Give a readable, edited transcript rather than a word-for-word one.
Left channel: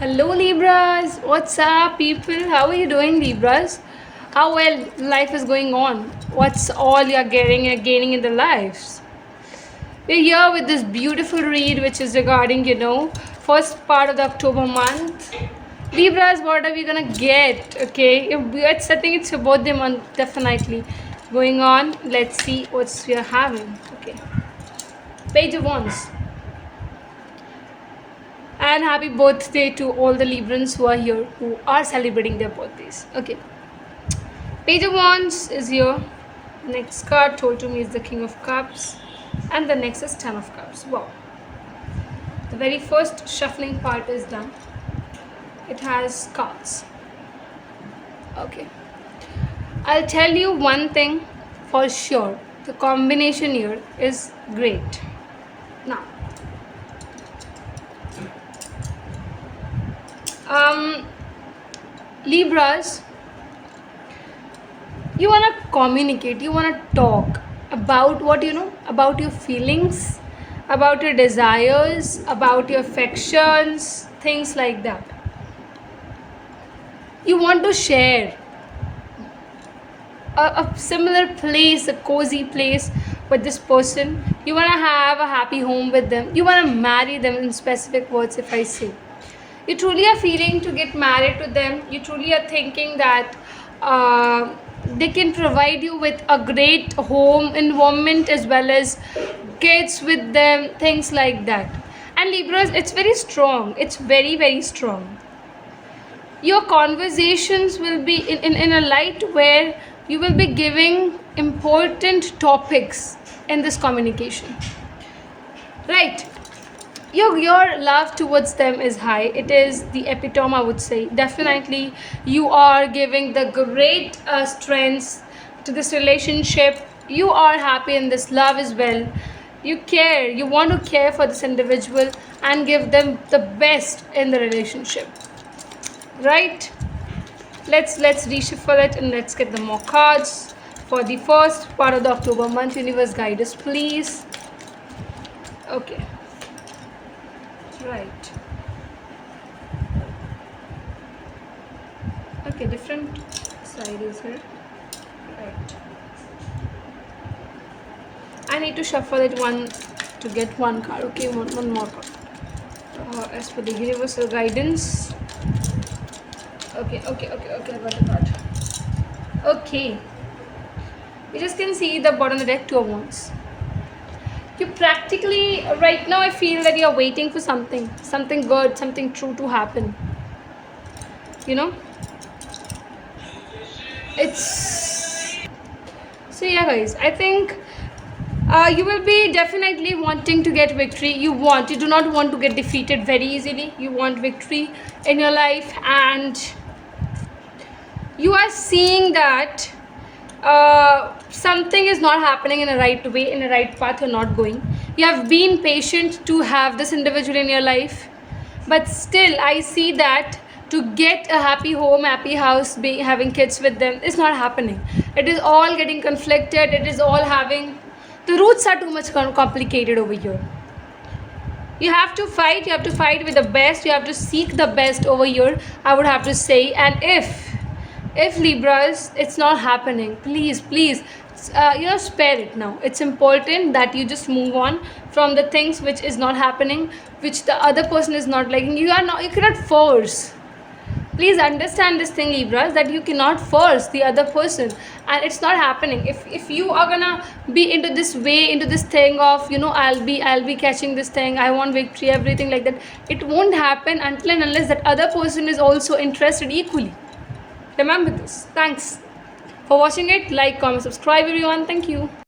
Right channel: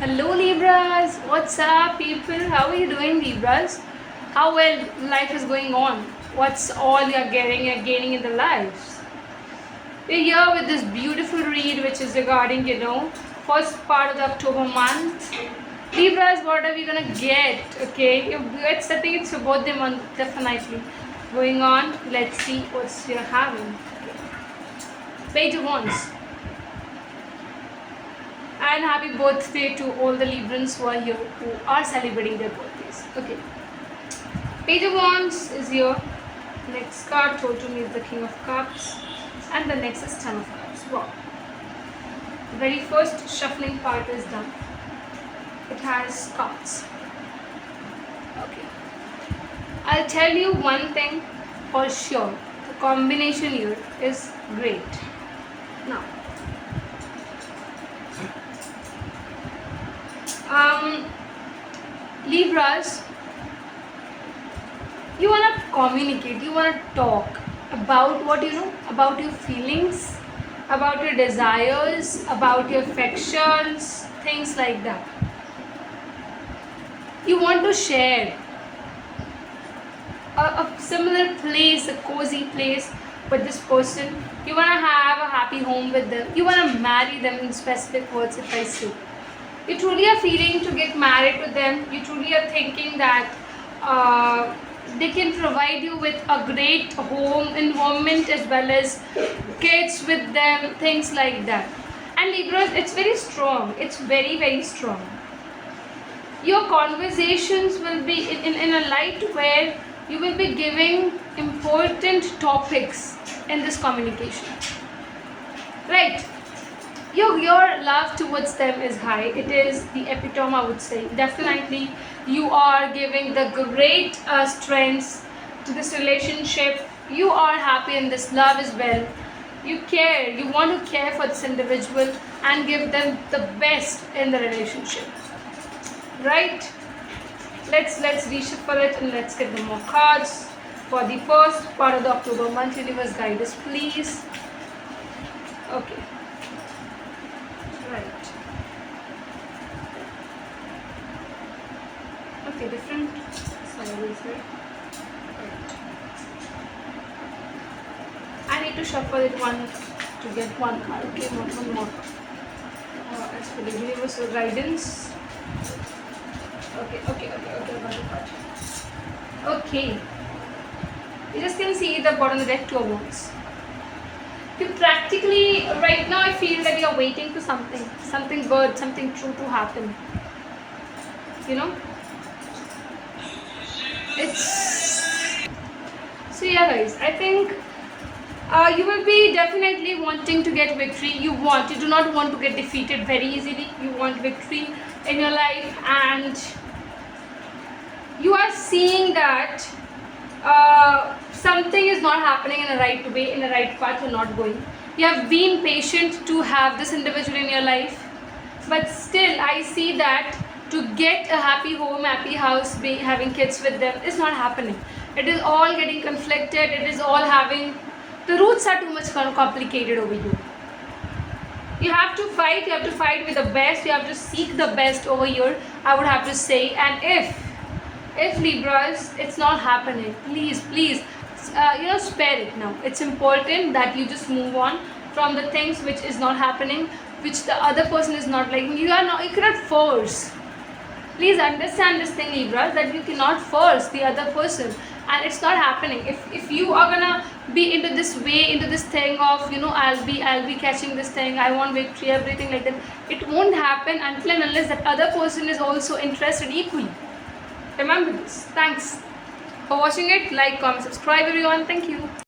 Hello Libras, what's up people? How are you doing Libras? How well life is going on? What's all you're gaining in the lives? We're here with this beautiful read which is regarding, first part of the October month. Libras, what are we gonna get? Okay, I think it's your birthday month, definitely. Going on, let's see what we're having. Okay. Page of Wands. And happy birthday to all the Librans who are here, who are celebrating their birthdays. Okay. Page of Wands is here. Next card told to me is the King of Cups. And the next is Ten of Cups. Wow. The very first shuffling part is done. It has cards. Okay. I'll tell you one thing for sure. The combination here is great. Now, Libras, you want to communicate, you want to talk about what you know, about your feelings, about your desires, about your affections, things like that. You want to share a similar place, a cozy place with this person. You want to have a happy home with them. You want to marry them, in specific words if I say. You truly are feeling to get married to them. You truly are thinking that they can provide you with a great home environment as well as kids with them, things like that. And Libras, it's very strong. It's very, very strong. Your conversations will be in a light where you will be giving important topics in this communication. Right. Your love towards them is high. It is the epitome, I would say. Definitely you are giving the great strengths to this relationship. You are happy in this love as well. You care, you want to care for this individual and give them the best in the relationship, right? Let's reshuffle it and let's get the more cards for the first part of the October month. Universe, guide us please. Okay. Right. Okay, different sizes here. Right. I need to shuffle it one to get one card. Okay, one more. As per the universal guidance. Okay, I got that. Okay. You just can see the bottom of the deck, Two of Wands. You practically, right now I feel that you're waiting for something good, something true to happen. You know? So yeah guys, I think you will be definitely wanting to get victory. You do not want to get defeated very easily. You want victory in your life, and you are seeing that something is not happening in a right way, in a right path. You're not going. You have been patient to have this individual in your life, but still I see that to get a happy home, happy house, having kids with them is not happening. It is all getting conflicted. It is all having, the roots are too much complicated over here. You have to fight with the best. You have to seek the best over here, I would have to say. And if Libras, it's not happening, please spare it now. It's important that you just move on from the things which is not happening, which the other person is not liking. You cannot force. Please understand this thing, Libras, that you cannot force the other person, and it's not happening. If you are gonna be into this way, into this thing of I'll be catching this thing, I want victory, everything like that, it won't happen until and unless that other person is also interested equally. Remember this. Thanks for watching it. Like, comment, subscribe everyone. Thank you.